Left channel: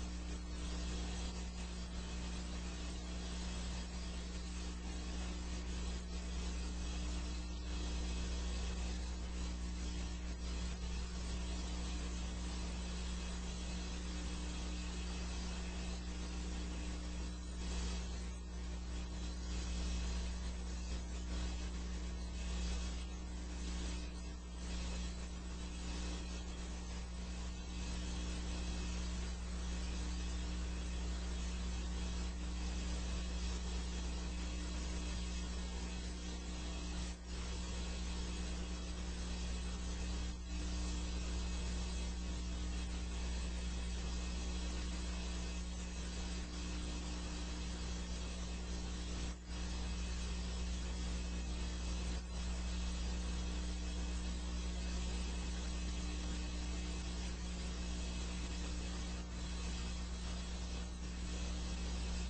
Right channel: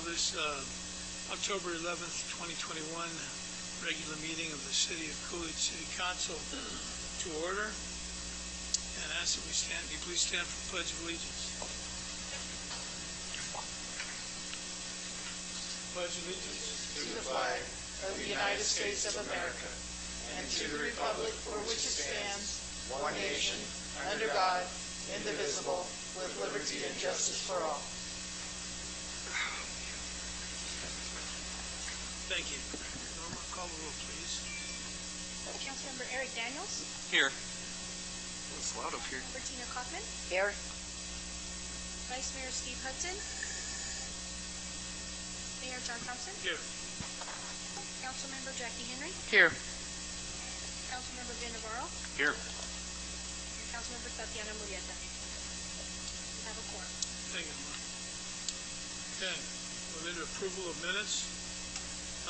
call this October 11th, 2021 regular meeting of the City of Coolidge City Council to order. And ask that we stand. Will you please stand for the Pledge of Allegiance? Pledge allegiance to the flag of the United States of America and to the republic for which it stands, one nation, under God, indivisible, with liberty and justice for all. Thank you. Norma, call the roll, please. Councilmember Eric Daniels. Here. It's loud up here. Bertina Kaufman. Here. Vice Mayor Steve Hudson. Mayor John Thompson. Here. Councilmember Jackie Henry. Here. Councilmember Ben Navarro. Here. Councilmember Tatiana Murieta. We have a quorum. Thank you, Norma. Okay, we're into approval of minutes.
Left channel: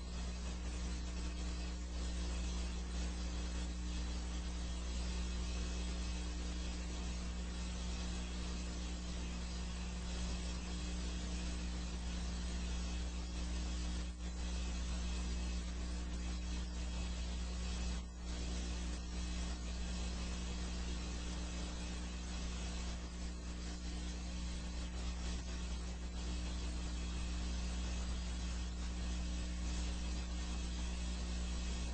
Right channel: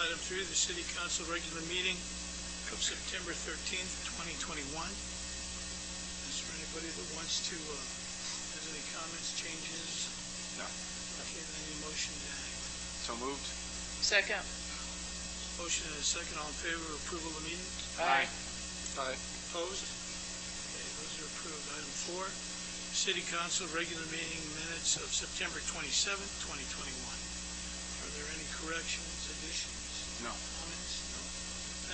Item 3, the City Council regular meeting of September 13th, 2021. Is there anybody that wants to, has any comments, changes? No. Okay, any motion? So moved. Second. Motion and a second. All in favor of approval of the meeting? Aye. Aye. Opposed? Okay, those are approved. Item 4, City Council regular meeting minutes of September 27th, 2021. Are there any corrections, additions? No. Comments?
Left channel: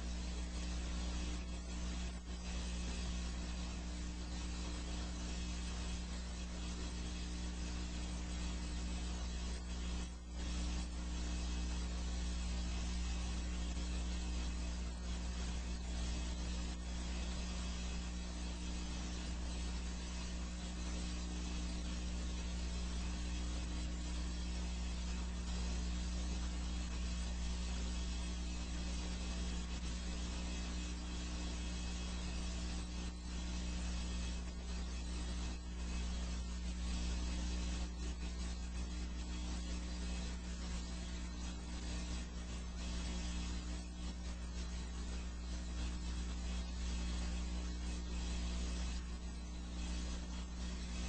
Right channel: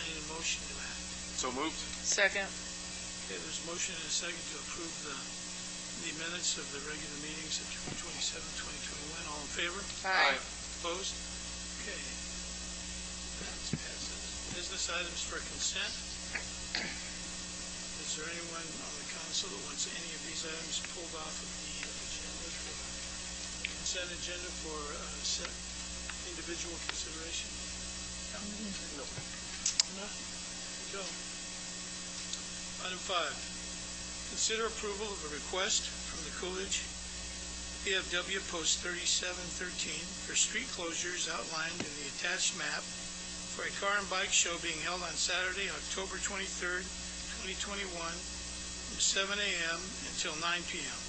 Any motion to that? So moved. Second. Okay, there's a motion and a second to approve the minutes of the regular meeting September 27th, 2021. All in favor? Aye. Opposed? Okay. That's passed. Business items for consent. Is there anyone on the council that wants any of these items pulled off of the consent agenda for individual consideration? No. Joe. Item 5. Consider approval of a request from the Coolidge PFW Post 3713 for street closures outlined in the attached map for a car and bike show being held on Saturday, October 23rd, 2021 from 7 a.m. until 9 p.m.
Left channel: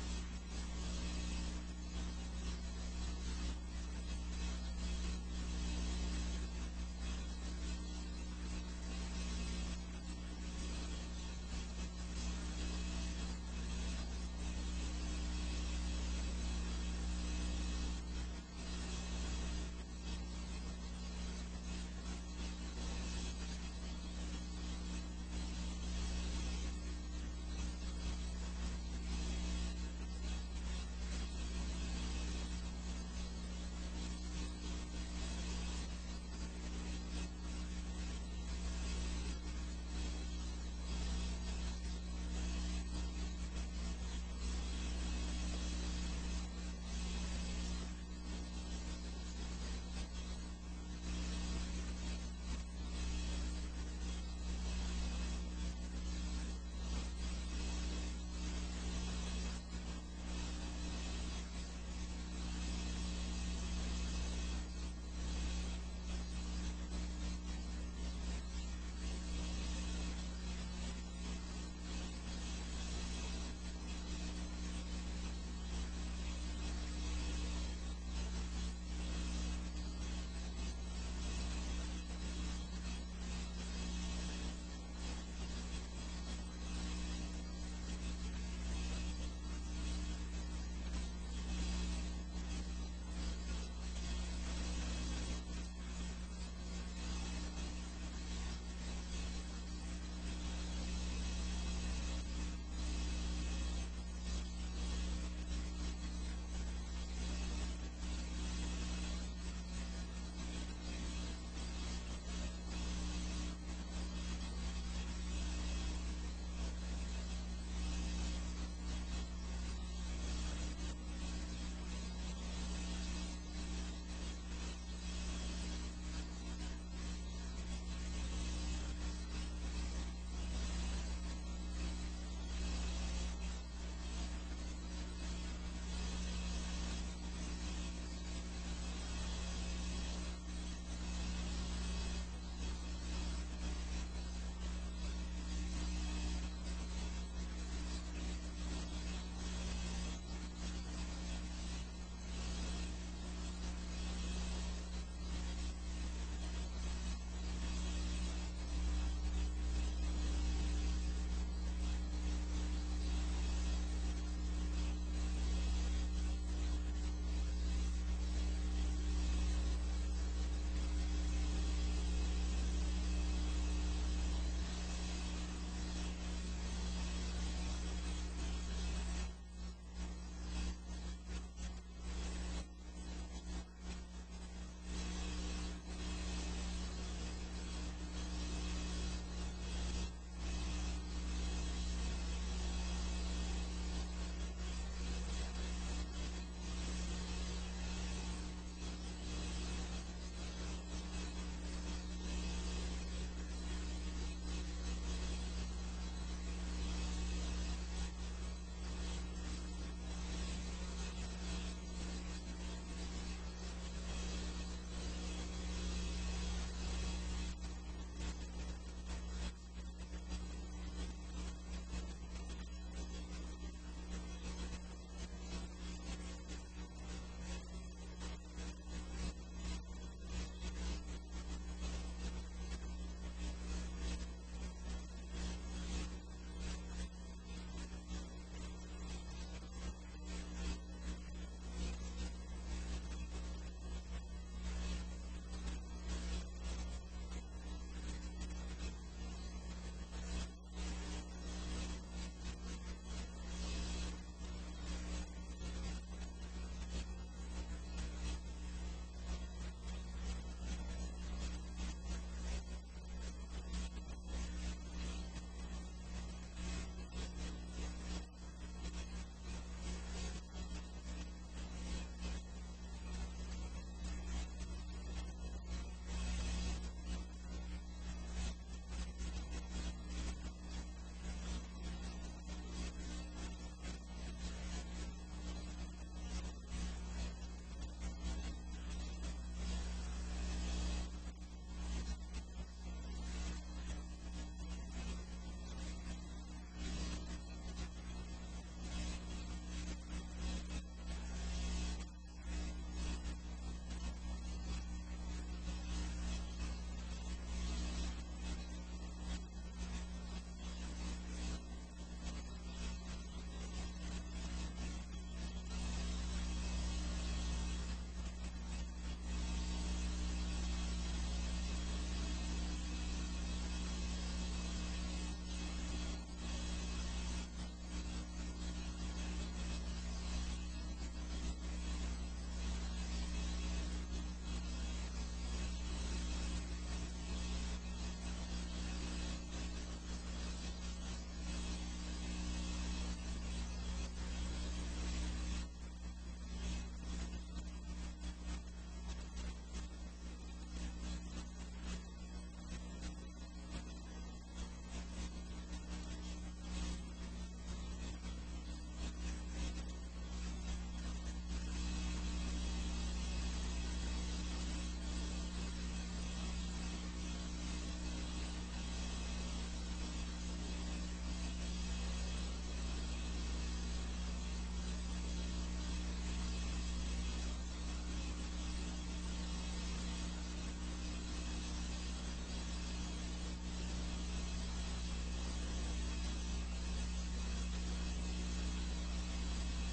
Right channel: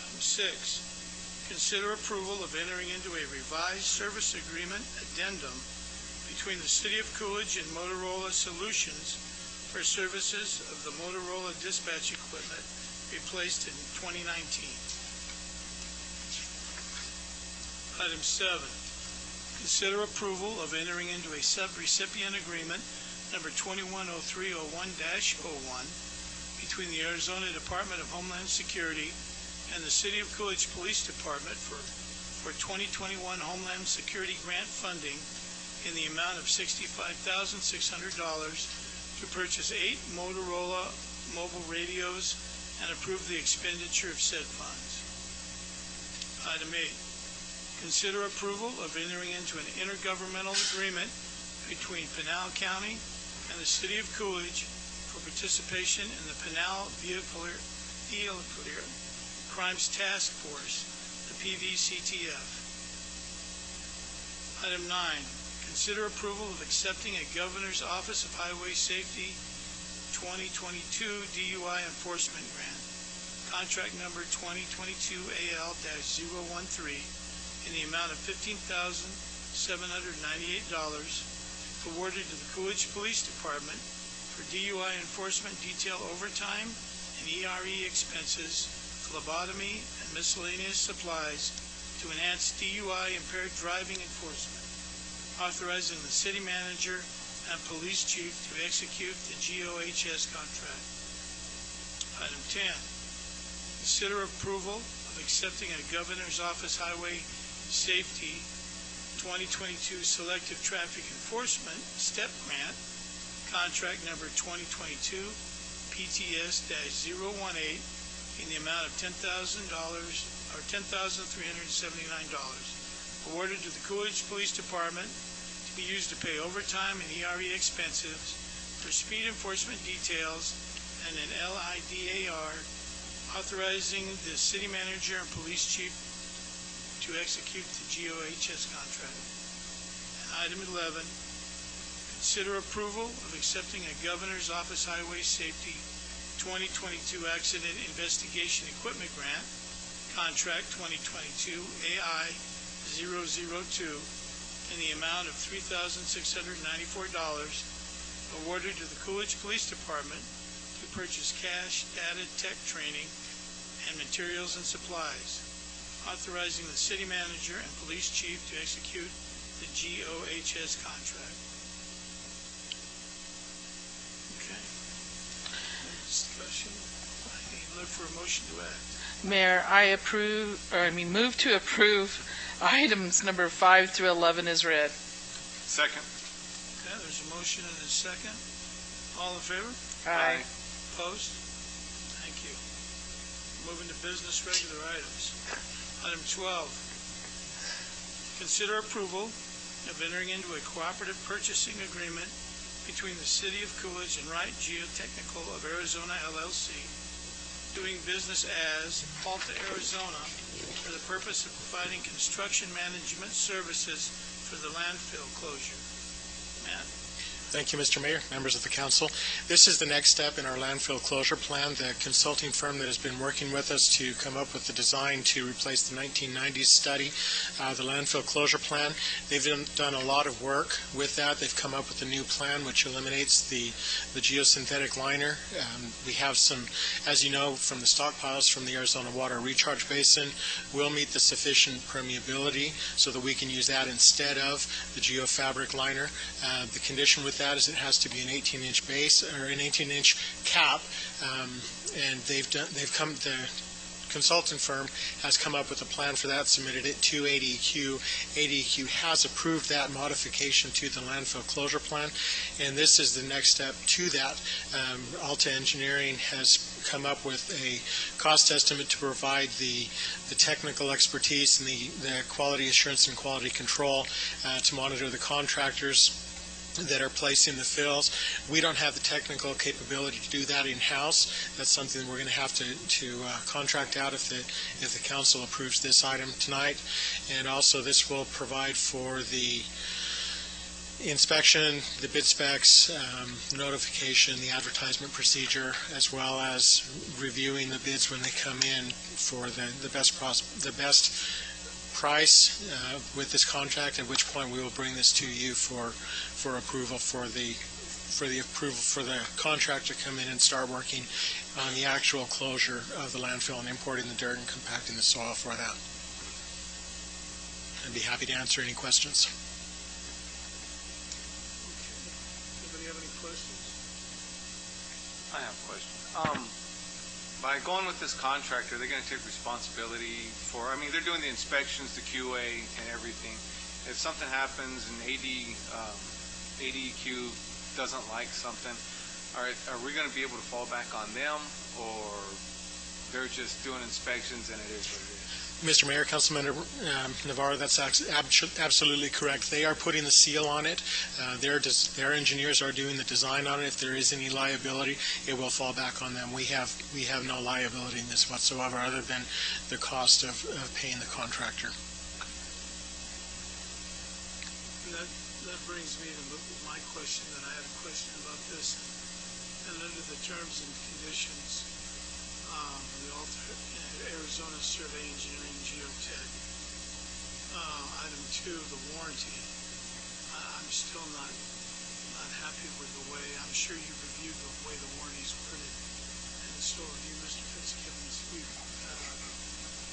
Item 6. Consider approval of entering into a revised service agreement addendum between the City of Coolidge and Motorola Solutions for services of the Motorola dispatch equipment replaced in 2019. Item 7. Consider approval of entering into a sub-recipient agreement number 210301-01 between the Arizona Department of Homeland Security and the City of Coolidge Police Department for 2021 Homeland Security grant funding in the amount of $65,600 to purchase 8 Motorola mobile radios and approve the expenditure of said funds. Item 8. Consider approval of entering into an intergovernmental agreement between Pinal County and the City of Coolidge for participation in the Pinal Vehicular Crimes Task Force, the PVCTF. Item 9. Consider approval of accepting a Governor's Office of Highway Safety 2022 DUI Enforcement Grant, contract number 2022 AL-013, in the amount of $15,798, awarded to the Coolidge Police Department for DUI enforcement detail overtime and ERE expenses, phlebotomy, and miscellaneous supplies to enhance DUI impaired driving enforcement, authorizing the city manager and police chief to execute the GOHS contract. Item 10. Consider approval of accepting a Governor's Office Highway Safety 2022 Selective Traffic Enforcement STEP Grant, contract number 2022 PTS-018, in the amount of $10,000 or $10,379, awarded to the Coolidge Police Department to be used to pay overtime and ERE expenses for speed enforcement details and an LIDAR, authorizing the city manager and police chief to execute the GOHS contract. And item 11, consider approval of accepting a Governor's Office Highway Safety 2022 Accident Investigation Equipment Grant, contract 2022 AI in the amount of $3,694 awarded to the Coolidge Police Department to purchase cash, data, tech training, and materials and supplies, authorizing the city manager and police chief to execute the GOHS contract. Okay. Discussion. Look for a motion to add. Mayor, move to approve items number 5 through 11 is read. Second. Okay, there's a motion and a second. All in favor? Aye. Opposed? Thank you. Moving to business regular items. Item 12. Consider approval of entering into a cooperative purchasing agreement between the City of Coolidge and Wright Geotechnical of Arizona, LLC, doing business as Alta, Arizona, for the purpose of providing construction management services for the landfill closure. Matt? Thank you, Mr. Mayor, members of the council. This is the next step in our landfill closure plan. The consulting firm that has been working with us to come up with the design to replace the 1990s study, the landfill closure plan, they've done a lot of work with that. They've come up with a new plan which eliminates the geosynthetic liner. We have some, as you know, from the stockpiles from the Arizona Water Recharge Basin, we'll meet the sufficient permeability so that we can use that instead of the geofabric liner. The condition with that is it has to be an 18-inch base or an 18-inch cap, and the consultant firm has come up with a plan for that, submitted it to ADEQ. ADEQ has approved that modification to the landfill closure plan, and this is the next step to that. Alta Engineering has come up with a cost estimate to provide the technical expertise and the quality assurance and quality control to monitor the contractors that are placing the fills. We don't have the technical capability to do that in-house. That's something that we're going to have to contract out if the council approves this item tonight. And also this will provide for the inspection, the bid specs, notification, the advertisement procedure, as well as reviewing the bids when they come in for the best price with this contract, at which point we will bring this to you for approval for the contractor to come in and start working on the actual closure of the landfill and importing the dirt and compacting the soil for that. I'd be happy to answer any questions. Anybody have any questions? I have a question. By going with this contractor, they're going to take responsibility for, they're doing the inspections, the QA, and everything. If something happens and ADEQ doesn't like something, are we going to be able to fall back on them, or they're just doing inspections and it is what it is? Mr. Mayor, Councilman Navarro, that's absolutely correct. They are putting the seal on it. Their engineers are doing the design on it. If there is any liability, it will fall back on them. We have no liability in this whatsoever, other than the cost of paying the contractor. That brings me to my question. Then I have a question about this. And under the terms and conditions, the Arizona Survey Engineering Geotech, item 2, the warranty. I'm still not happy with the way. I'm sure you reviewed the way the warranty's worded, and so have you, Mr. Fitzgibbons. We've had a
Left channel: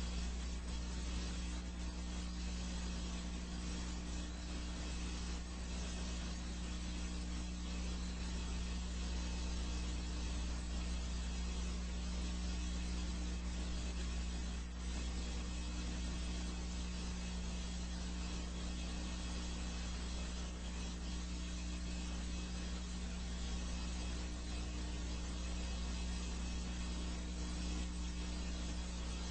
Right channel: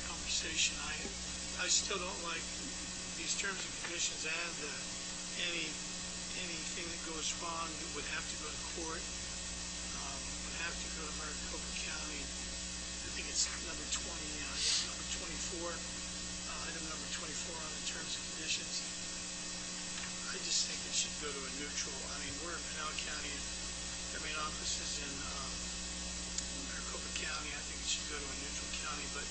conversation. I still don't like these terms and conditions, and anything that goes wrong would have to go to court. Would have to go to Maricopa County. I think it's number 20, number 24, item number 24 on the terms and conditions. I just think it should go to a neutral. We're in Pinal County, and their main office is in Maricopa County. I think it should go to a neutral county, but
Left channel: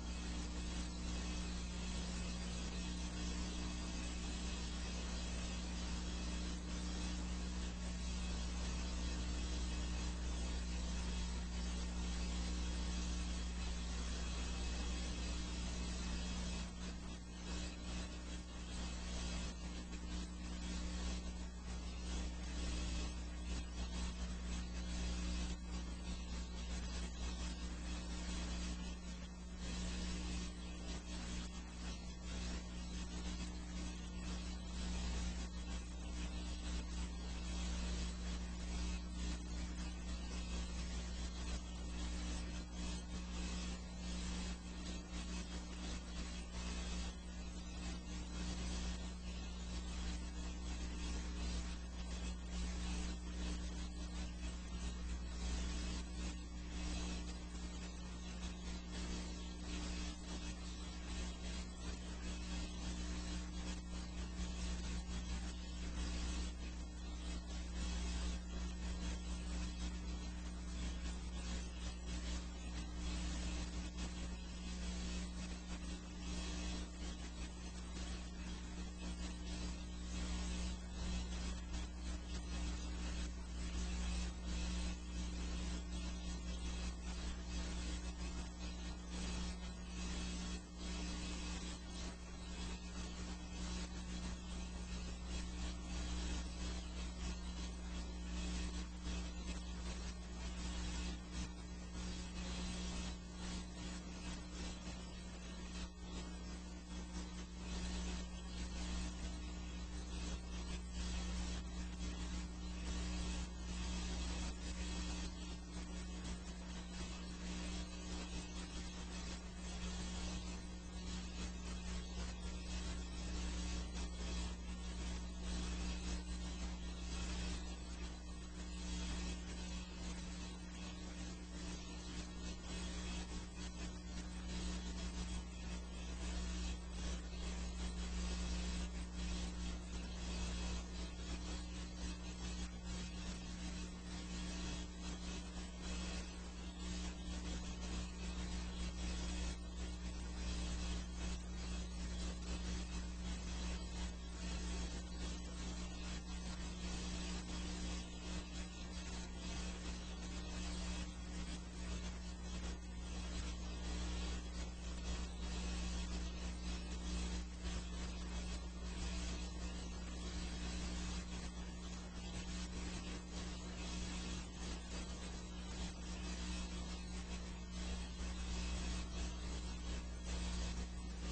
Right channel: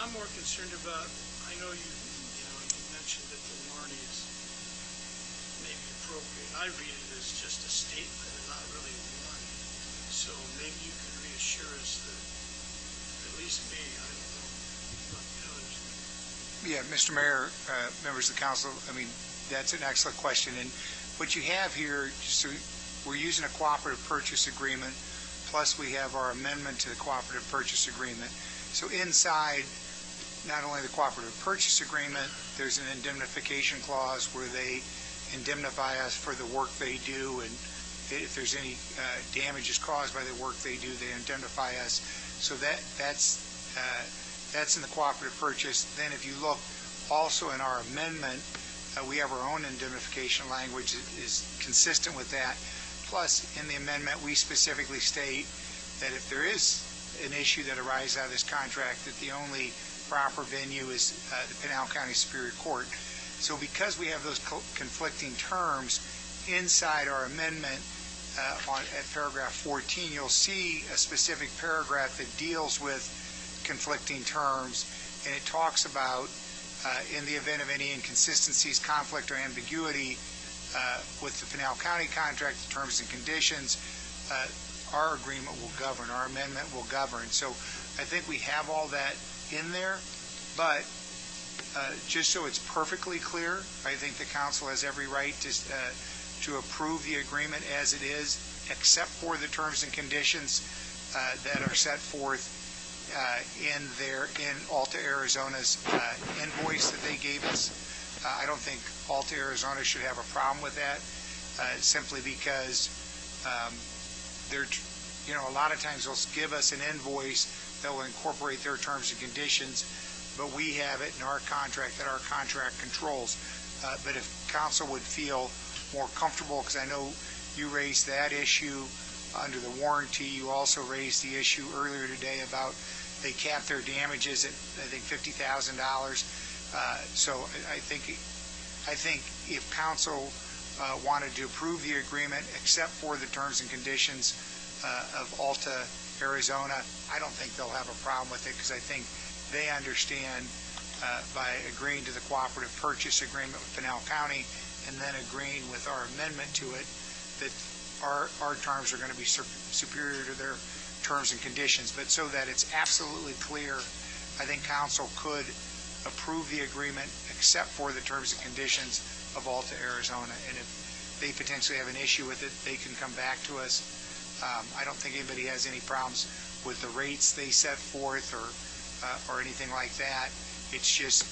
I'm more concerned about, I know you mentioned that the warranty is maybe appropriate. I read it as just a statement and not really a warranty. So maybe you could reassure us that, at least me, I don't know about the others. Yeah, Mr. Mayor, members of the council, that's an excellent question. And what you have here, we're using a cooperative purchase agreement, plus we have our amendment to the cooperative purchase agreement. So inside not only the cooperative purchase agreement, there's an indemnification clause where they indemnify us for the work they do, and if there's any damages caused by the work they do, they indemnify us. So that's in the cooperative purchase. Then if you look also in our amendment, we have our own indemnification language that is consistent with that. Plus, in the amendment, we specifically state that if there is an issue that arises out of this contract, that the only proper venue is the Pinal County Superior Court. So because we have those conflicting terms inside our amendment, at paragraph 14, you'll see a specific paragraph that deals with conflicting terms, and it talks about in the event of any inconsistencies, conflict, or ambiguity with the Pinal County contract, the terms and conditions, our agreement will govern, our amendment will govern. So I think we have all that in there, but just so it's perfectly clear, I think the council has every right to approve the agreement as it is, except for the terms and conditions that are set forth in Alta Arizona's invoice that they gave us. I don't think Alta Arizona should have a problem with that, simply because they're, a lot of times they'll give us an invoice that will incorporate their terms and conditions, but we have it in our contract that our contract controls. But if council would feel more comfortable, because I know you raised that issue under the warranty, you also raised the issue earlier today about they cap their damages at, I think, $50,000. So I think if council wanted to approve the agreement except for the terms and conditions of Alta Arizona, I don't think they'll have a problem with it, because I think they understand by agreeing to the cooperative purchase agreement with Pinal County and then agreeing with our amendment to it, that our terms are going to be superior to their terms and conditions. But so that it's absolutely clear, I think council could approve the agreement except for the terms and conditions of Alta Arizona. And if they potentially have an issue with it, they can come back to us. I don't think anybody has any problems with the rates they set forth or anything like that. It's just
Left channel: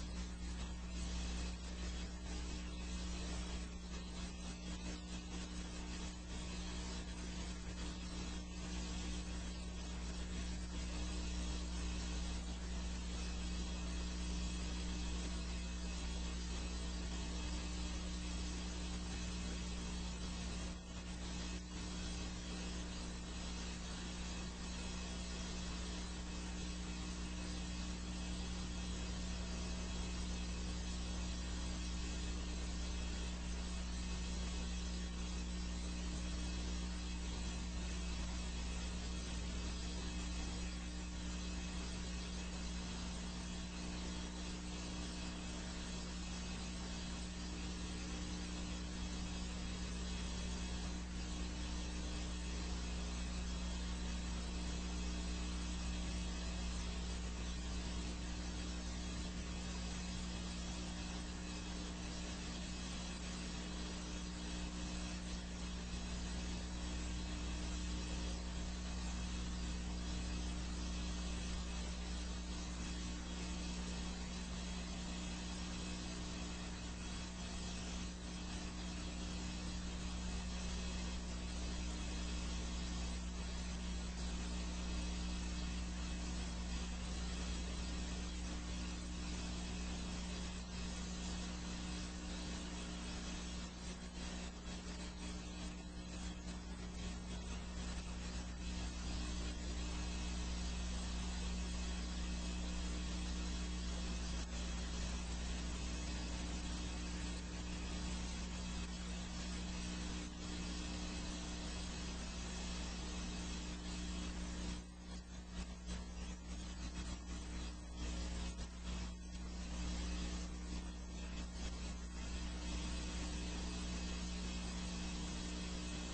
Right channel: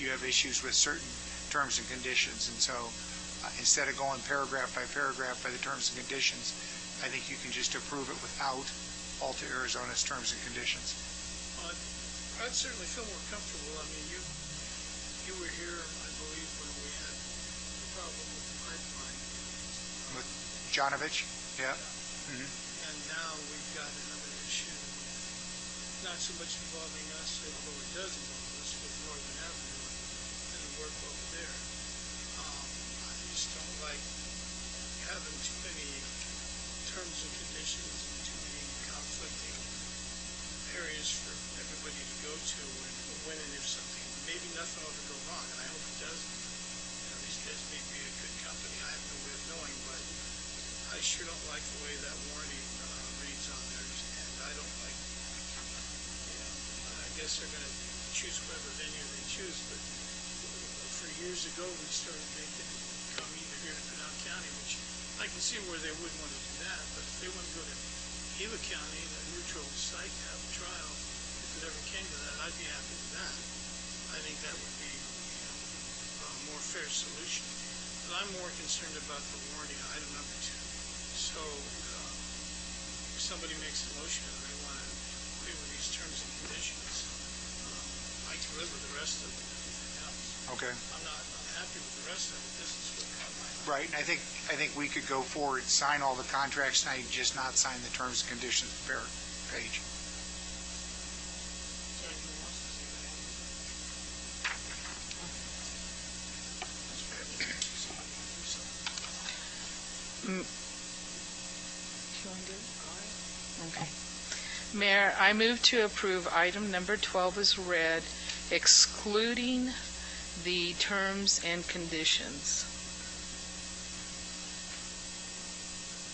you have issues with certain terms and conditions. And so instead of going paragraph by the terms and conditions, I think you can just approve it without Alta Arizona's terms and conditions. I'd certainly feel more comfortable. I mean, you were here, I believe, when we had a problem with the pipeline. With Jonovich? Yeah. And now we've got another issue, not so much involving us, although it does involve us, but more than ever, and the work over there. I just don't like having too many terms and conditions and too many conflicting areas for everybody to go to when and if something, maybe nothing will ever go wrong, and I hope it doesn't. These guys may be a good company, I have no way of knowing, but I sure don't like the way that warning reads on there, and I don't like, I guess they're going to choose whatever venue they choose, but for years ago we started making it come either here to Pinal County, which I can see where they wouldn't want to do that, but if they want to go to Gila County, a neutral site, to have a trial, if it ever came to that, I'd be happy with that. I think that would be a more fair solution. But I'm more concerned about the warning item number 2. So if somebody makes a motion and they want to agree with these terms and conditions, I can live with the rest of it. Okay. I'm not happy with the rest of it. This is what Right, and I think we could go forward, sign all the contracts tonight, just not sign the terms and conditions page. Okay. Mayor, I move to approve item number 12 as read, excluding the terms and conditions.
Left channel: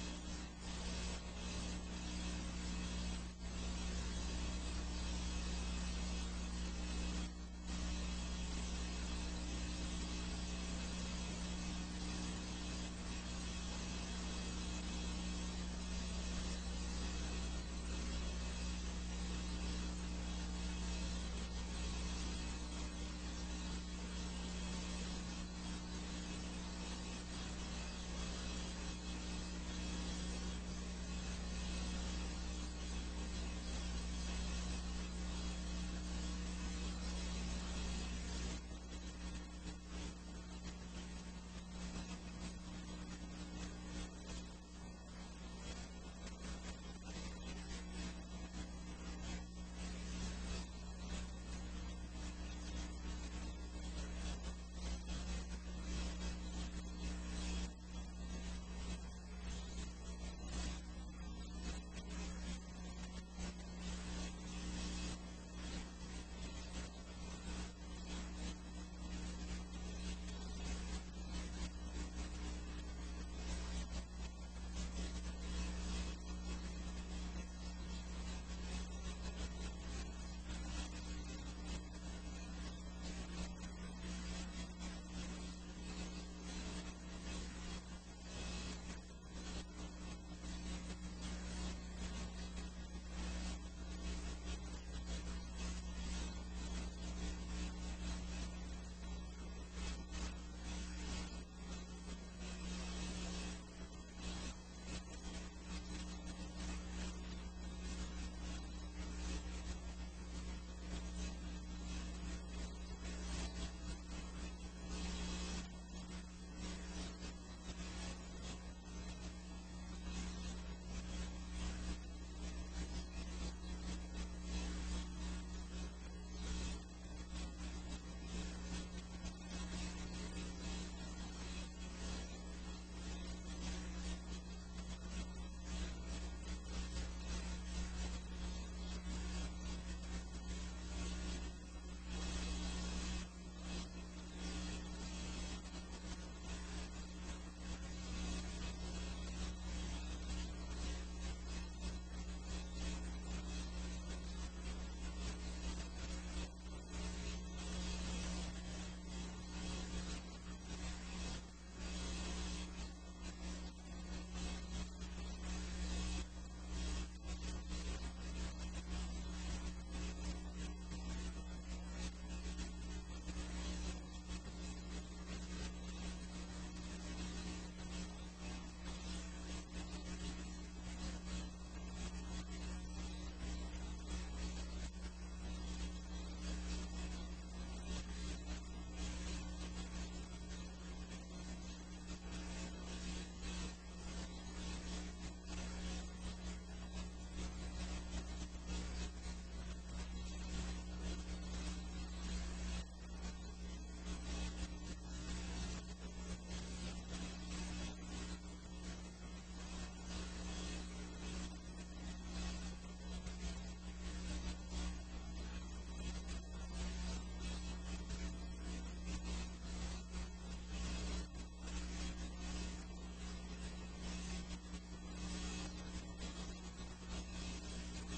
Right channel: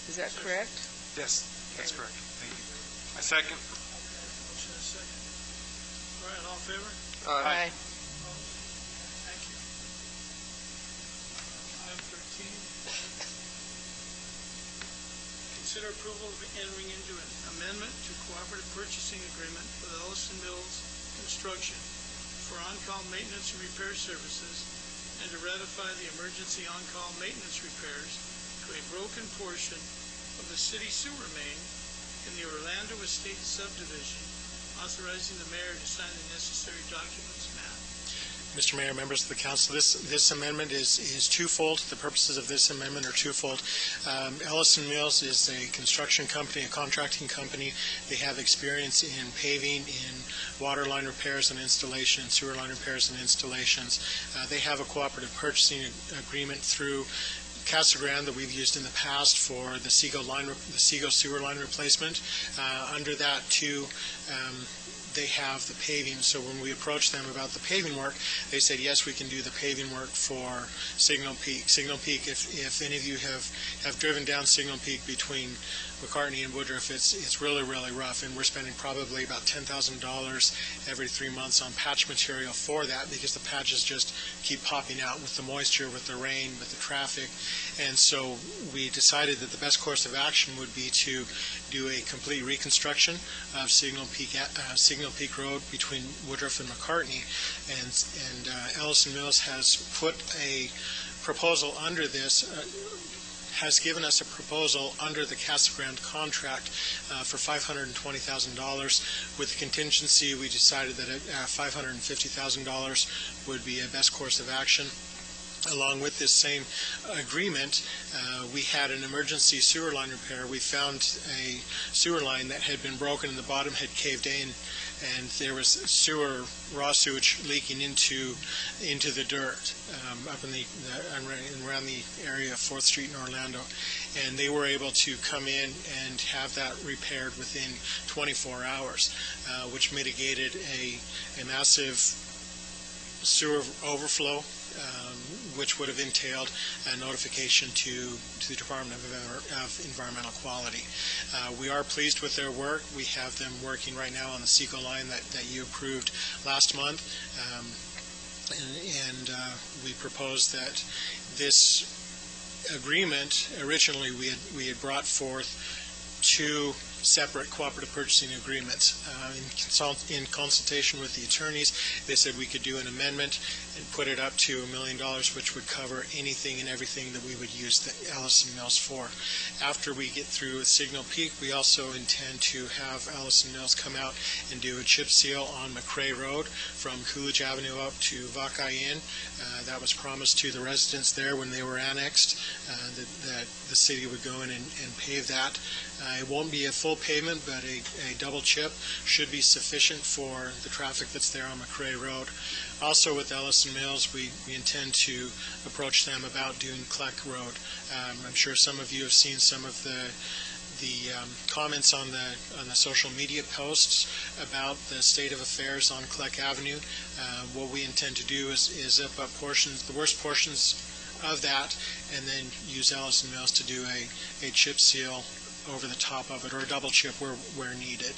Is that correct? Yes, that's correct. Thank you. A second. Motion and a second. All right, all in favor? Aye. Thank you. Item 13. Consider approval of entering into an amendment to cooperative purchasing agreement with Ellison Mills Construction maintenance and repair services, and to ratify the emergency on-call maintenance repairs to a broken portion of the city sewer main in the Orlando Estates subdivision, authorizing the mayor to sign the necessary documents. Matt? Mr. Mayor, members of the council, this amendment is twofold. The purposes of this amendment are twofold. Ellison Mills is a construction company, a contracting company. They have experience in paving, in water line repairs and installation, sewer line repairs and installations. They have a cooperative purchasing agreement through Casa Grande that we've used in the past for the Seago sewer line replacement. Under that, too, they have the paving. So when we approached them about the paving work, they said, yes, we can do the paving work for Signal Peak. Signal Peak, if any of you have driven down Signal Peak between McCartney and Woodruff, it's really, really rough, and we're spending probably about $10,000 every 3 months on patch material for that, because the patches just keep popping out with the moisture, with the rain, with the traffic. And so we decided that the best course of action would be to do a complete reconstruction of Signal Peak Road between Woodruff and McCartney, and Ellison Mills has put a proposal under this, has given us a proposal under the Casa Grande contract for $520,000. With the contingency, we decided that $550,000 would be a best course of action. Along with this same agreement, we had an emergency sewer line repair. We found a sewer line that had been broken and the bottom had caved in, and there was raw sewage leaking into the dirt up in around the area of 4th Street in Orlando. And they were able to come in and have that repaired within 24 hours, which mitigated a massive sewer overflow, which would have entailed a notification to the Department of Environmental Quality. We are pleased with their work. We have them working right now on the Seago line that you approved last month, and we proposed that this agreement, originally we had brought forth 2 separate cooperative purchasing agreements. In consultation with the attorneys, they said we could do an amendment and put it up to $1 million, which would cover anything and everything that we would use the Ellison Mills for. After we get through with Signal Peak, we also intend to have Ellison Mills come out and do a chip seal on McRae Road from Coolidge Avenue up to Vaca Inn. That was promised to the residents there when they were annexed, that the city would go in and pave that. It won't be a full pavement, but a double chip should be sufficient for the traffic that's there on McRae Road. Also with Ellison Mills, we intend to approach them about doing Kleck Road. I'm sure some of you have seen some of the comments on the social media posts about the state of affairs on Kleck Avenue. What we intend to do is zip up the worst portions of that, and then use Ellison Mills to do a chip seal over the top of it, or a double chip where needed.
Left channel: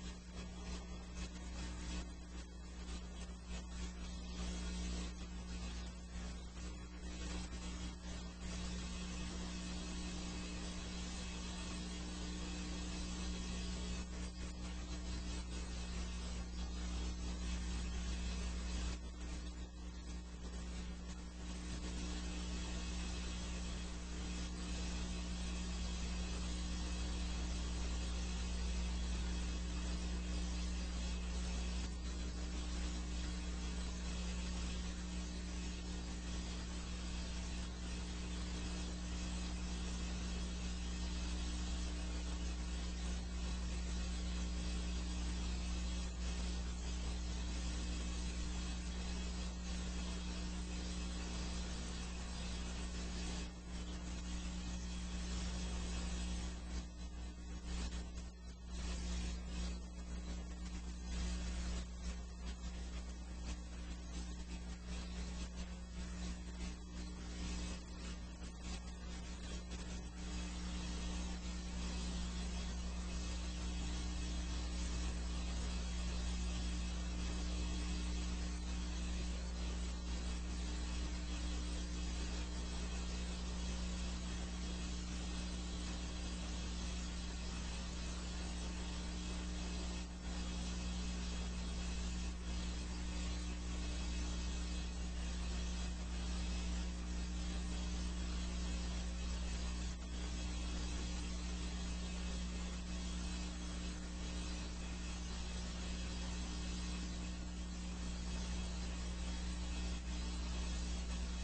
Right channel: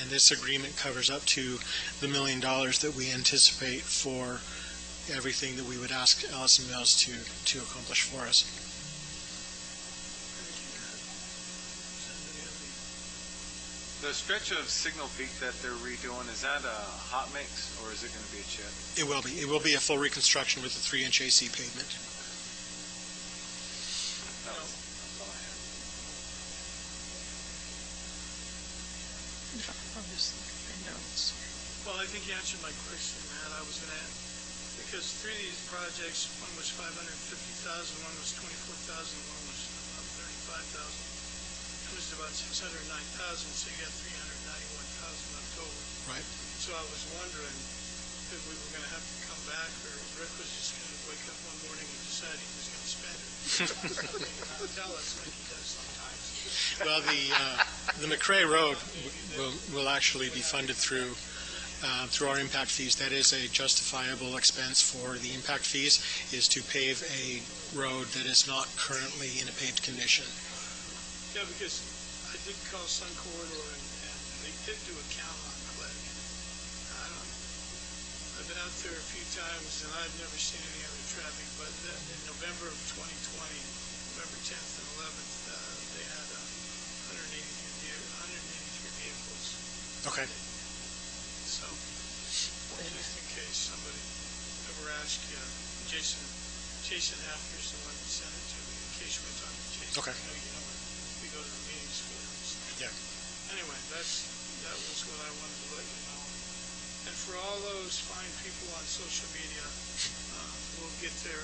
And this agreement covers up to the $1 million that we anticipate for everything that we would ask Ellison Mills to accomplish for us. The stretch of Signal Peak that they're redoing, is that a hot mix or is it going to be a chip? It will be. It will be a full reconstruction with the 3-inch AC pavement. Well, I think you answered my question, Matt. I was going to add, because 3 of these projects, one was $550,000, one was $24,000, one was $35,000. It was about $609,000, so you got $391,000 left over. Right. So I was wondering if we were going to have to come back, or if Rick was just going to wake up one morning and decide he was going to spend it. Tell us like he does sometimes. Well, the McRae Road will actually be funded through our impact fees. That is a justifiable expense for the impact fees, is to pave a road that is not currently in a paved condition. Yeah, because I did call Sun Corridor, and they did do a count on Kleck. I've been out there a few times, and I've never seen any other traffic, but in November of 2020, November 10th and 11th, they had 183 vehicles. Okay. So, just in Jason after, so I can send it to him in case one time to Jason. Okay. We go to the meetings. So. Yeah. Anyway, that was what I wanted to let you know. And for all those fine people on social media, we'll get there.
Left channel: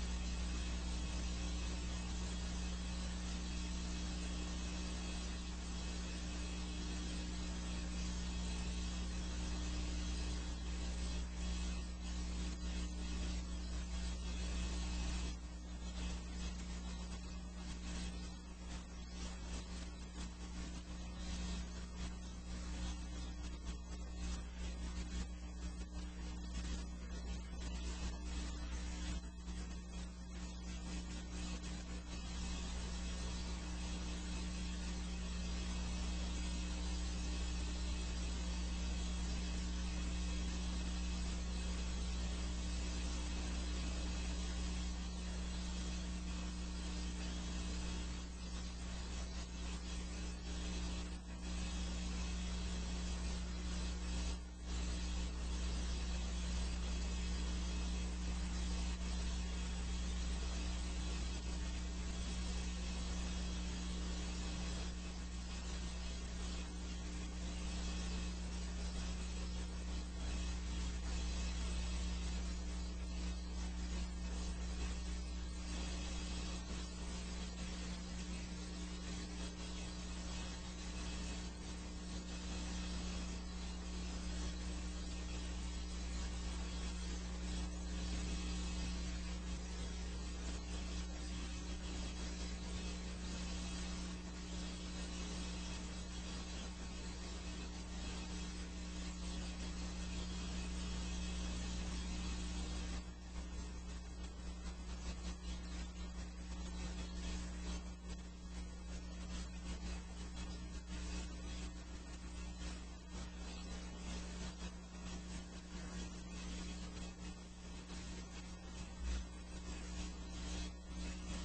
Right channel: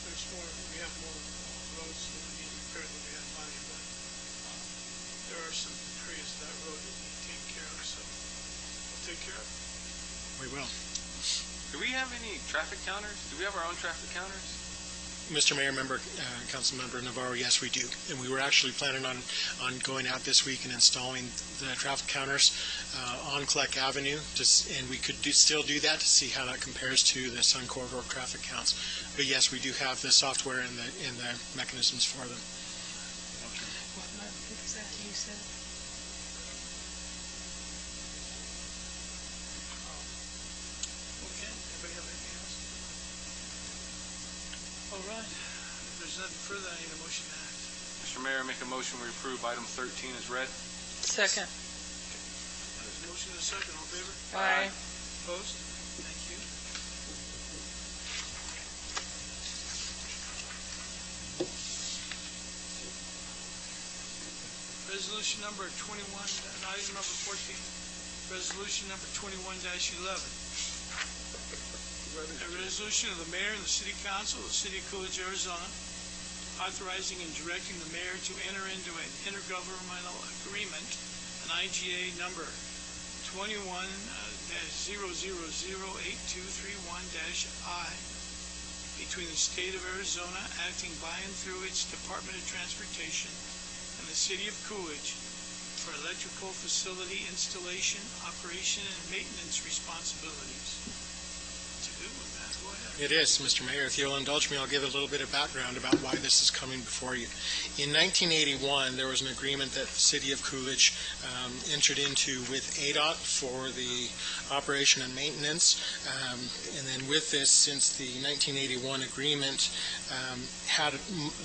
There's more. We have more roads than we prepared than we had planned for. There are some areas of that road that we need to take care of. So we'll take care of it. We will. Do we have any traffic counters? Do we have our own traffic counters? Mr. Mayor, Councilmember Navarro, yes, we do. And we were actually planning on going out this week and installing the traffic counters on Kleck Avenue, and we could still do that to see how that compares to the Sun Corridor traffic counts. But yes, we do have the software and the mechanisms for them. Anybody have anything else? All right. If there's nothing further, I need a motion to act. Mr. Mayor, make a motion we approve item 13 as read. Second. Motion and a second. All in favor? Aye. Opposed? Thank you. Resolution number 21, item number 14. Resolution number 21-11. A resolution of the mayor and the city council of the city of Coolidge, Arizona, authorizing and directing the mayor to enter into an intergovernmental agreement, an IGA number 21-0008231-I, between the state of Arizona acting by and through its Department of Transportation and the city of Coolidge for electrical facility installation, operation, and maintenance responsibilities. It's a good one, man. Go ahead. It is, Mr. Mayor. If you'll indulge me, I'll give a little bit of background about why this is coming before you. In 1981, there was an agreement that the city of Coolidge entered into with ADOT for the operation and maintenance. And then with this, since the 1981 agreement had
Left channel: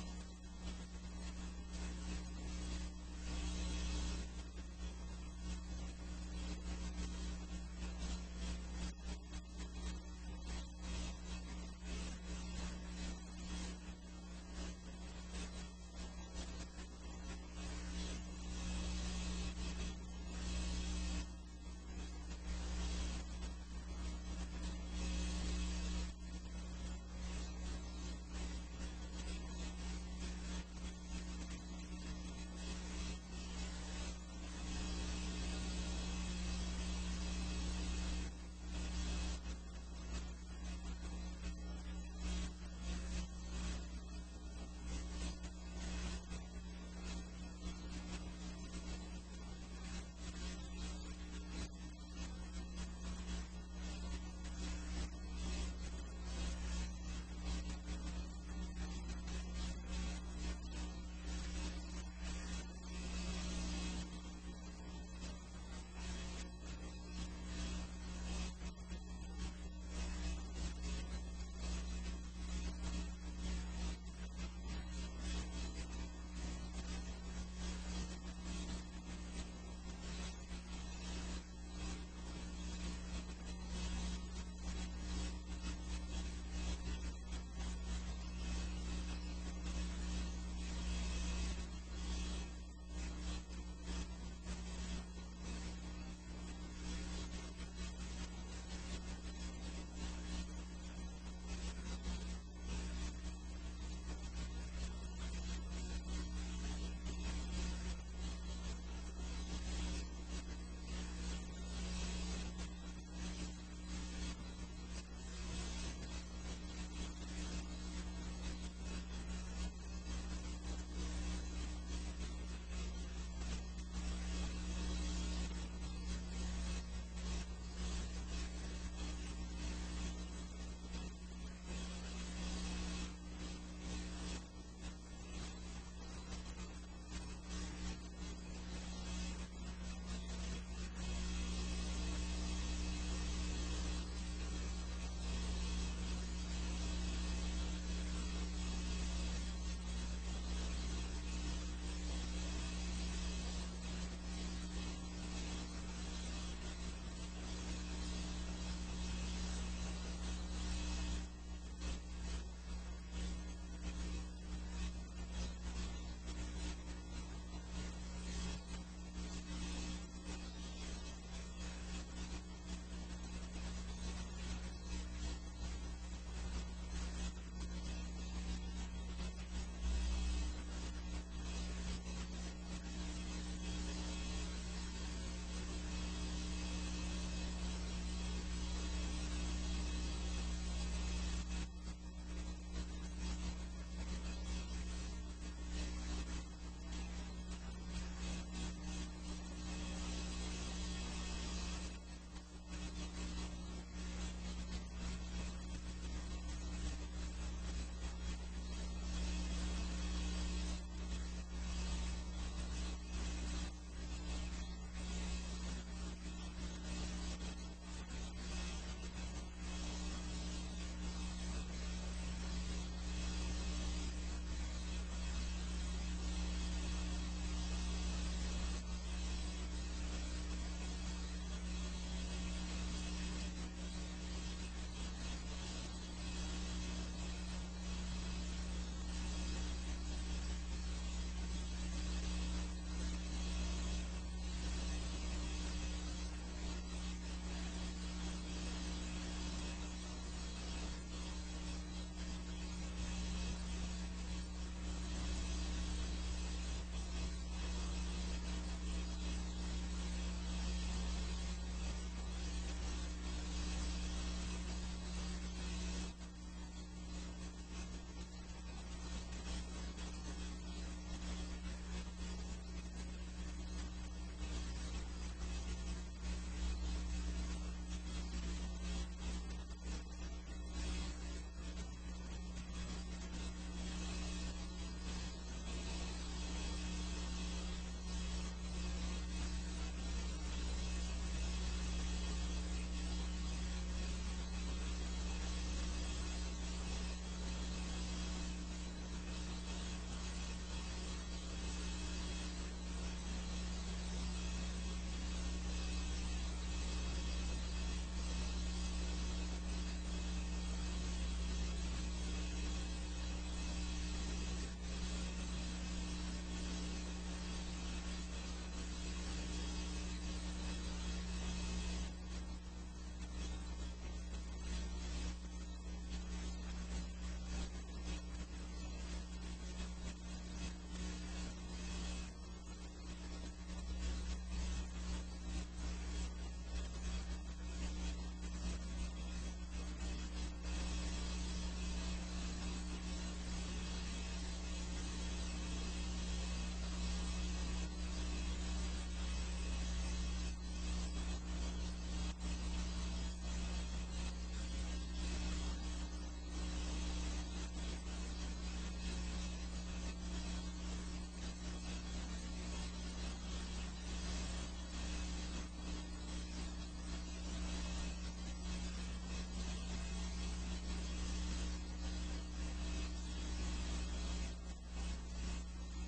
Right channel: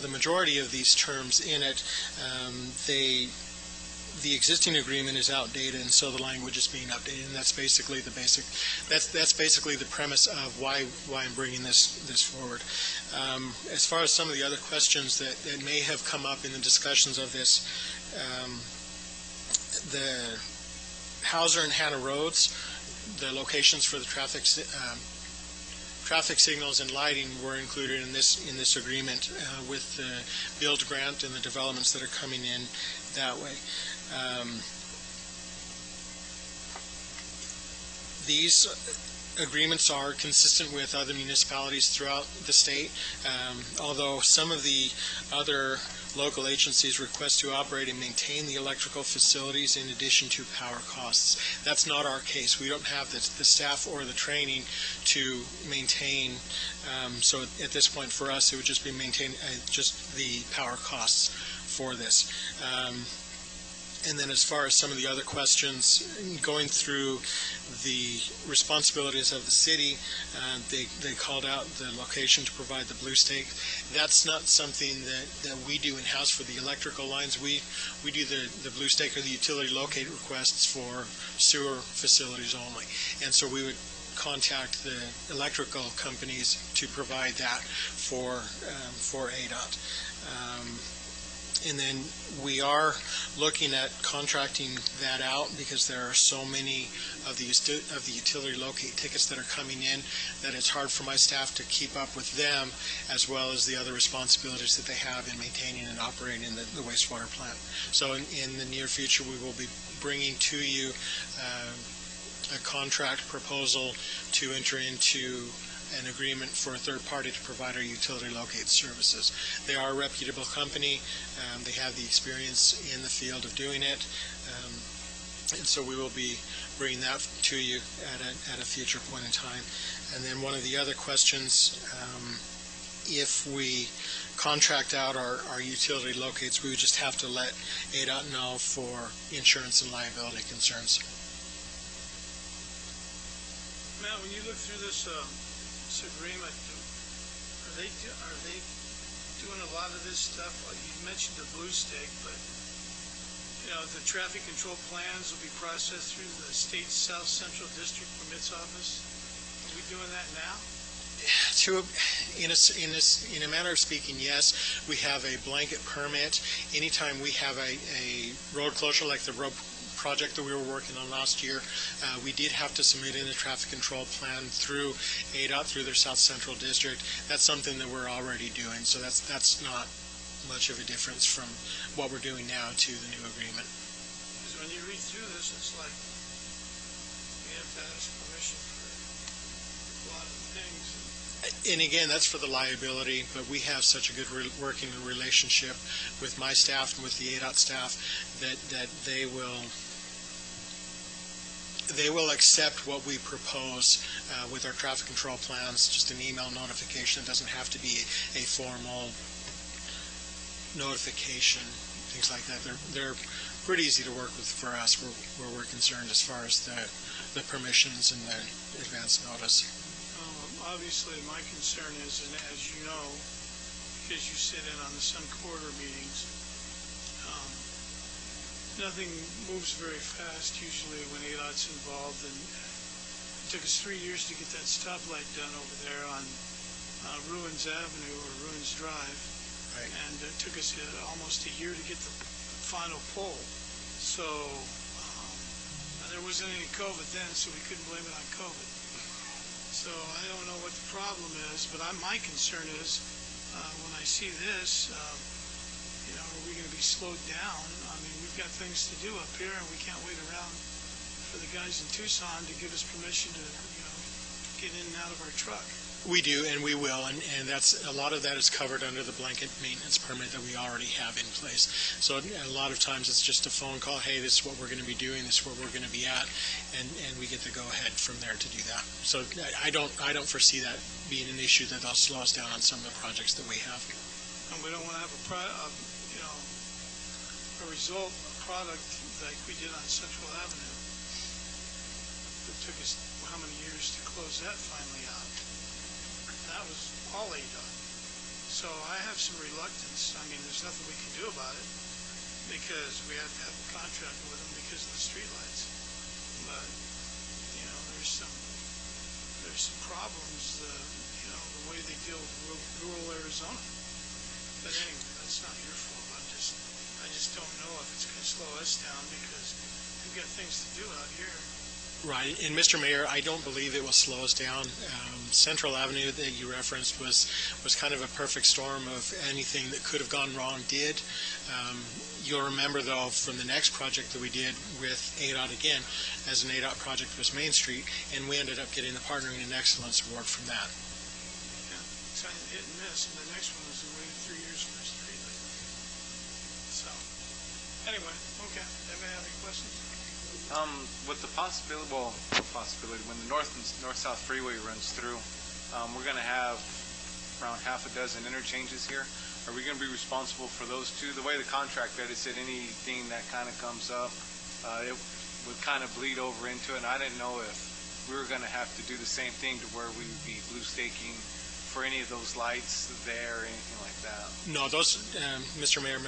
the majority of these terms in it, the existing agreement is outdated, and so the language is being updated, and that's basically the premise of why I'm bringing this forward. As far as some of the other questions that may have come up in the discussions of this, the Hauser and Hannah roads, the locations for the traffic signals and lighting were included in this agreement with the build grant and the developments that are coming in that way. These agreements are consistent with other municipalities throughout the state, although some of the other local agencies request to operate and maintain the electrical facilities in addition to power costs. That's not our case. We don't have the staff or the training to maintain, so at this point for us it would just be maintain just the power costs for this. And then as far as some of the other questions, going through the responsibilities of the city, they called out the location to provide the blue stake. That's not something that we do in-house for the electrical lines. We do the blue stake or the utility locate requests for sewer facilities only. And so we would contact the electrical companies to provide that for ADOT. And then we are looking at contracting that out because there are so many of the utility locate tickets that are coming in that it's hard for my staff to keep up with them as well as the other responsibilities that they have in maintaining and operating the wastewater plant. So in the near future we will be bringing to you a contract proposal to enter into an agreement for a third party to provide our utility locate services. They are a reputable company. They have the experience in the field of doing it. And so we will be bringing that to you at a future point in time. And then one of the other questions, if we contract out our utility locates, we would just have to let ADOT know for insurance and liability concerns. Matt, when you look through this agreement, are they doing a lot of this stuff? Like you mentioned the blue stake, but the traffic control plans will be processed through the state South Central District Permits Office. Are we doing that now? In a manner of speaking, yes, we have a blanket permit. Anytime we have a road closure like the road project that we were working on last year, we did have to submit in a traffic control plan through ADOT, through their South Central District. That's something that we're already doing, so that's not much of a difference from what we're doing now to the new agreement. Because when you read through this, it's like you have to ask permission for a lot of things. And again, that's for the liability, but we have such a good working relationship with my staff and with the ADOT staff that they will accept what we propose with our traffic control plans, just an email notification. It doesn't have to be a formal notification, things like that. They're pretty easy to work with for us where we're concerned as far as the permissions and the advance notice. Obviously, my concern is, and as you know, because you sit in on the Sun Corridor meetings, nothing moves very fast usually when ADOT's involved, and it took us 3 years to get that stoplight done over there on Ruins Avenue or Ruins Drive. Right. And it took us almost a year to get the final pole. So, and there wasn't any COVID then, so we couldn't blame it on COVID. So I don't know what the problem is, but my concern is when I see this, are we going to be slowed down? I mean, we've got things to do up here, and we can't wait around for the guys in Tucson to give us permission to, get in and out of our truck. We do, and we will, and that's a lot of that is covered under the blanket maintenance permit that we already have in place. So a lot of times it's just a phone call, hey, this is what we're going to be doing, this is where we're going to be at, and we get to go ahead from there to do that. So I don't foresee that being an issue that'll slow us down on some of the projects that we have. And we don't want to have a product like we did on Central Avenue. It took us how many years to close that finally out? That was all ADOT. So I have some reluctance. I mean, there's nothing we can do about it because we had to have a contract with them because of the streetlights. But there's some problems. The way they deal with rural Arizona. But anyway, that's not your fault. I just don't know if it's going to slow us down because we've got things to do out here. Right, and Mr. Mayor, I don't believe it will slow us down. Central Avenue that you referenced was kind of a perfect storm of anything that could have gone wrong did. You'll remember, though, from the next project that we did with ADOT again, as an ADOT project was Main Street, and we ended up getting the Partnering in Excellence Award from that. Yeah, it's hit and miss. The next one was waiting 3 years for us to do that. So, anyway, okay. Anybody have any questions? With the possibility, when the north-south freeway runs through, we're going to have around half a dozen interchanges here. Are we going to be responsible for those two? The way the contract read, it said anything that kind of comes up, it would kind of bleed over into it. And I didn't know if we were going to have to do the same thing to where we'd be blue staking for any of those lights there or anything like that. No, those, Mr. Mayor,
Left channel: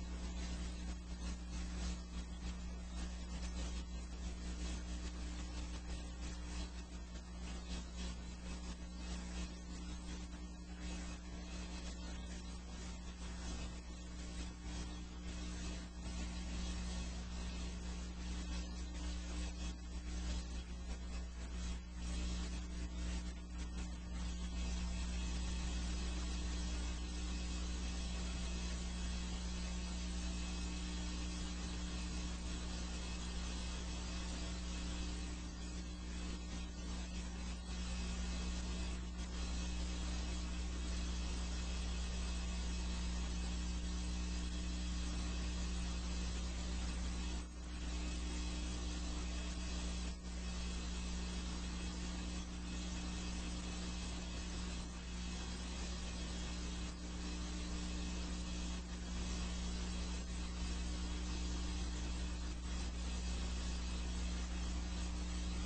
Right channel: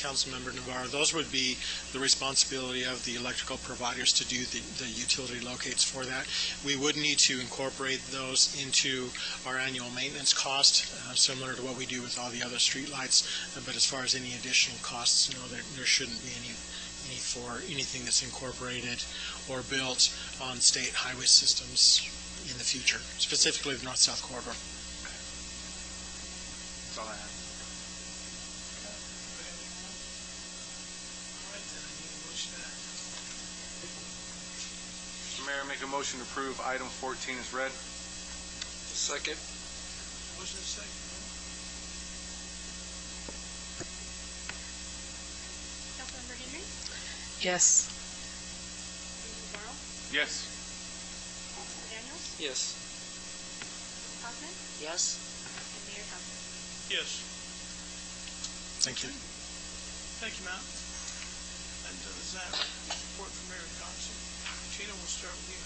Council Member Navarro, those would be the responsibility of the electrical providers to do the utility locates for that. We would need to incorporate those into our annual maintenance cost, similar to what we do with all the other street lights. But as far as any additional costs, no, there shouldn't be any for anything that's incorporated or built on state highway systems in the future, specifically the north-south corridor. That's all I have. Mr. Mayor, make a motion to approve item 14 as read. Second. Motion second. Councilmember Henry, Yes. Navarro, Yes. Daniels, Yes. Hoffman, Yes. and Mayor Johnson. Yes. Thank you. Thank you, Matt. That does that. Report from Mayor and Council. Gina, we'll start with you.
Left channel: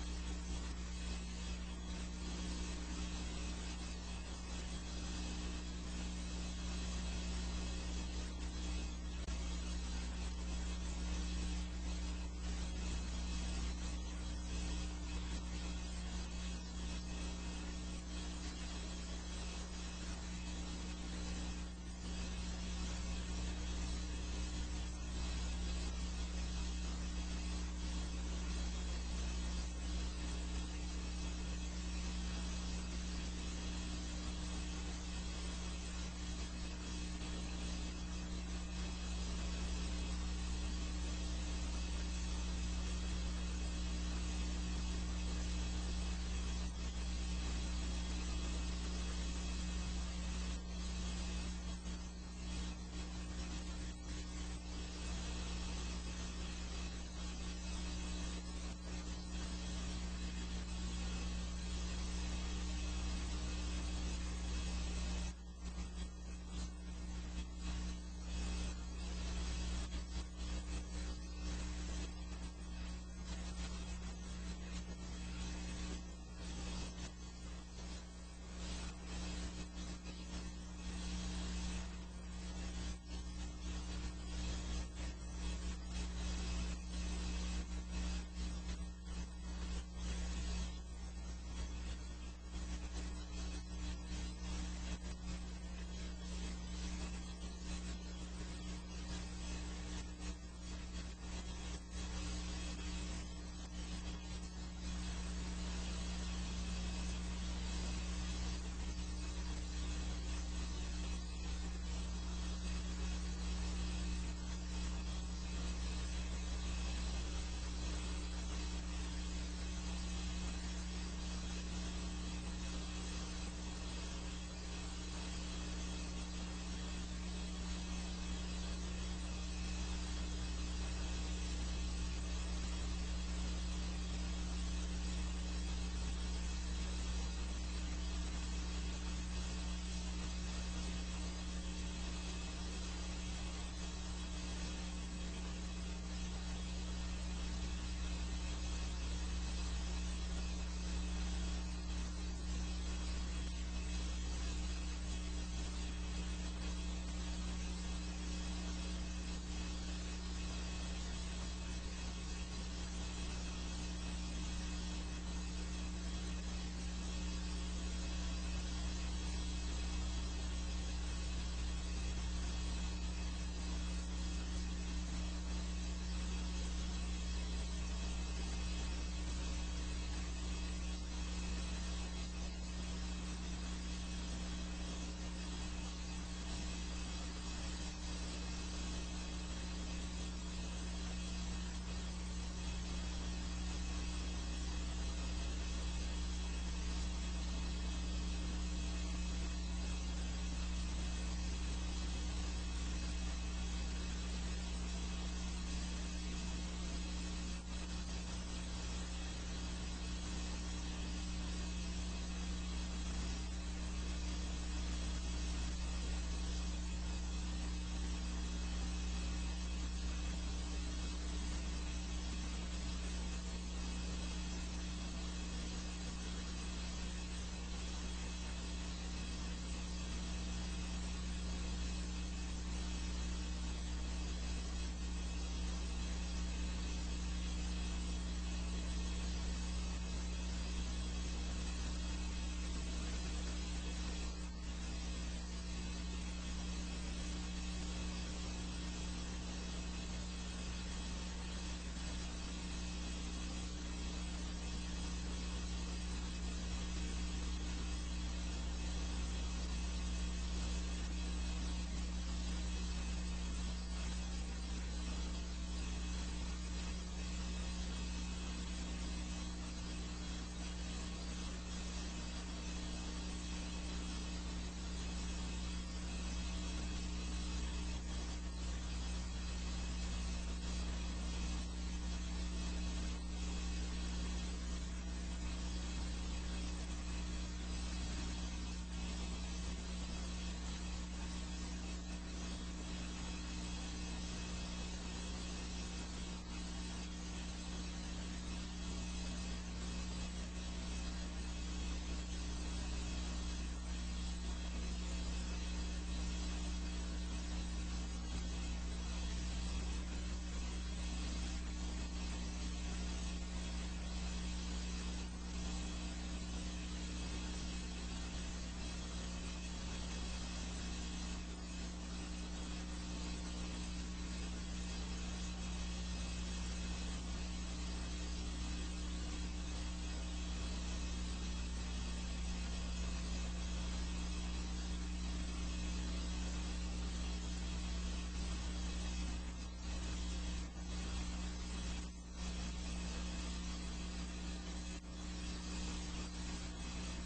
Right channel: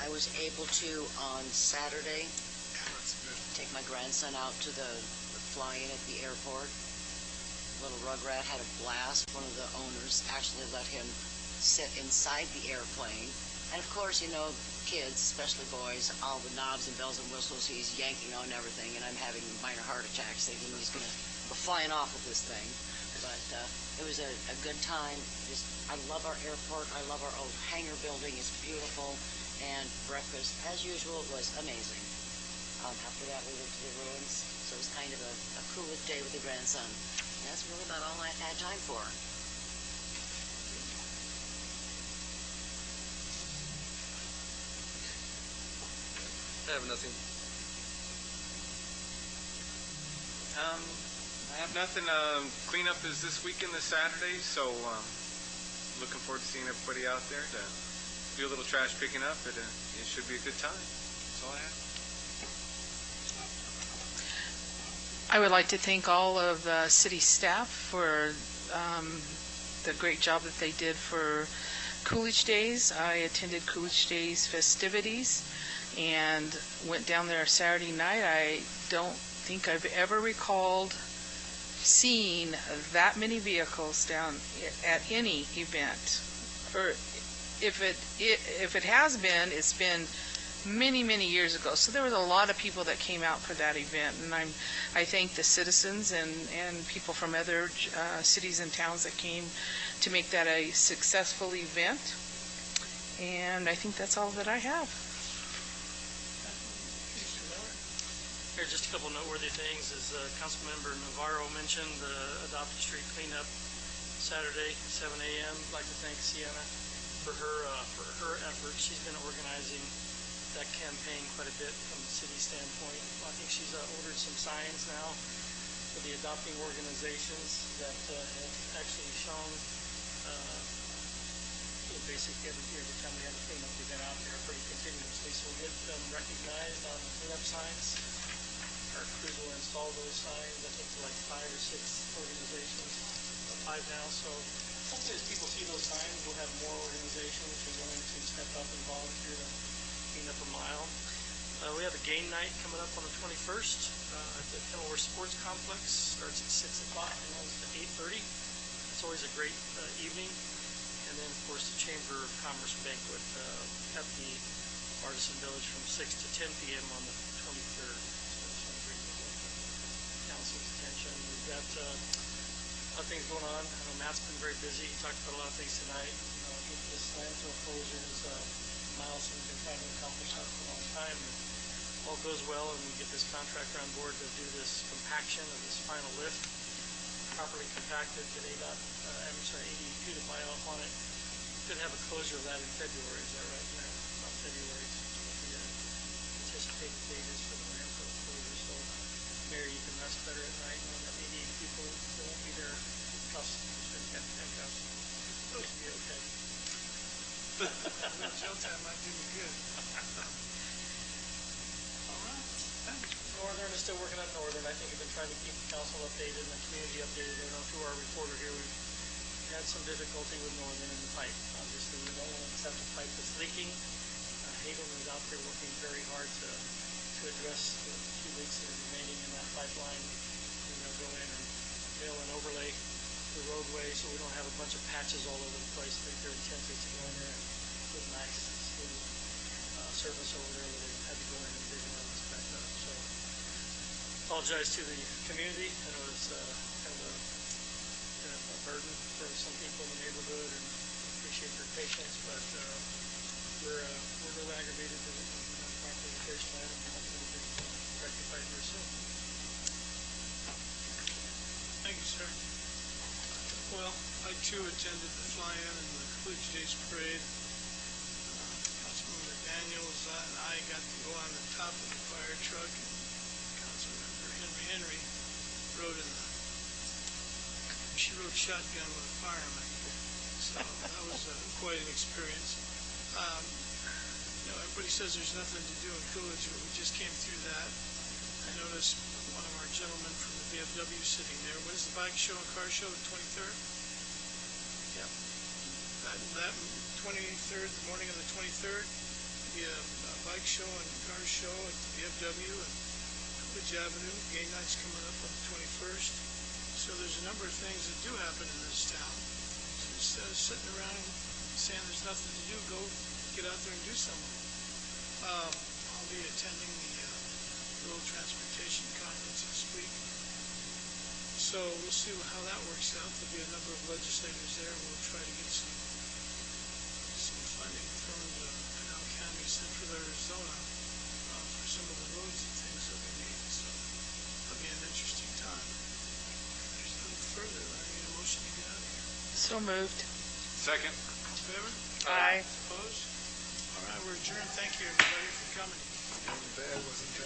I was able to, on Saturday, take my grandson out to the fly-in at the airport. Little Rugrat had a blast. One of the owners actually let him sit inside the airplane And of course, kids, especially boys, all the knobs and bells and whistles, he's yanking on everything, and I'm having minor heart attacks thinking he's going to go flying off with this thing. But it was a good time. I love our airport. I love our old hangar building. It's beautiful. And breakfast, as usual, was amazing. After that, we went to the ruins. So it was kind of a Coolidge day with the grandson. And that's really about all I've had time for. I have nothing. I have nothing. Cleanup is this weekend, this Saturday, so looking forward to seeing everybody out there to do a little trash picking up. It should be a good time. That's all I have. I would like to thank all of the city staff for the great job that they did for Coolidge Days. I attended Coolidge Days festivities and went down there Saturday night. I don't think I've ever recalled seeing that many vehicles down at any event. Or if it has been, it's been many, many years ago. So there was a lot of people that came out for that event, and I thank the citizens and people from other cities and towns that came to make that a successful event. And I think that's all that I have. Here, just a couple noteworthy things. As Councilmember Navarro mentioned, the Adopted Street cleanup Saturday, 7 a.m. I'd like to thank Sienna for her efforts. She's been organizing that campaign quite a bit from the city standpoint. I think she's ordered some signs now for the adopting organizations that have actually shown basically every time we have a cleanup, we've been out there pretty continuously. So we've been recognized on the cleanup signs. Our crews will install those signs. I think it's like 5 or 6 organizations, 5 now. So hopefully as people see those signs, we'll have more organizations who are willing to step up and volunteer to clean up a mile. We have a game night coming up on the 21st at the Kenilworth Sports Complex. Starts at 6 o'clock and runs to 8:30. It's always a great evening. And then, of course, the Chamber of Commerce banquet at the Artisan Village from 6 to 10 p.m. on the 23rd. Council's attention. We've got a lot of things going on. Matt's been very busy. He talked about a lot of things tonight. This landfill closure is a milestone we've been trying to accomplish for a long time. All goes well, and we get this contractor on board to do this compaction of this final lift, properly compacted to 82 to mile on it. Could have a closure of that in February. Is that right? About February. The anticipated date is for the landfill closure. So, Mayor, you can rest better at night on the 88 people who won't be there. Trust me, it's going to pick up. Supposed to be okay. Showtime might do you good. Northern is still working on Northern. I think we've been trying to keep the council updated and the community updated. I don't know through our reporter here. We've had some difficulty with Northern in the pipe. Obviously, we don't accept the pipe that's leaking. Haven is out there working very hard to address the 2 leaks that are remaining in that pipeline. We're going to go in and mill and overlay the roadway so we don't have a bunch of patches all over the place. They're attempting to go in there and put nice smooth service over there that we've had to go in and dig and inspect that. So, apologize to the community. I know it's kind of a burden for some people in the neighborhood, and appreciate their patience, but we're a little aggravated with our presentation item, and we'll get rectified here soon. Thank you, sir. Well, I too attended the fly-in and the Coolidge Days parade. Councilmember Daniels and I got to go on the top of the fire truck. Councilmember Henry rode in the she rode shotgun with a fireman. So that was quite an experience. Everybody says there's nothing to do in Coolidge, but we just came through that. I noticed one of our gentlemen from the VFW sitting there. When is the bike show and car show? The 23rd? Yeah. That 23rd, the morning of the 23rd, be a bike show and car show at the VFW and Coolidge Avenue. Game night's coming up on the 21st. So there's a number of things that do happen in this town. So instead of sitting around and saying there's nothing to do, go get out there I'll be attending the Road Transportation Conference this week. So we'll see how that works out. There'll be a number of legislators there. We'll try to get some funding from the County of Central Arizona for some of the roads and things that we need. So that'll be an interesting time. Further, I need a motion to get out. So moved. Second. In favor? Aye. Opposed? All right, we're adjourned. Thank you, everybody, for coming.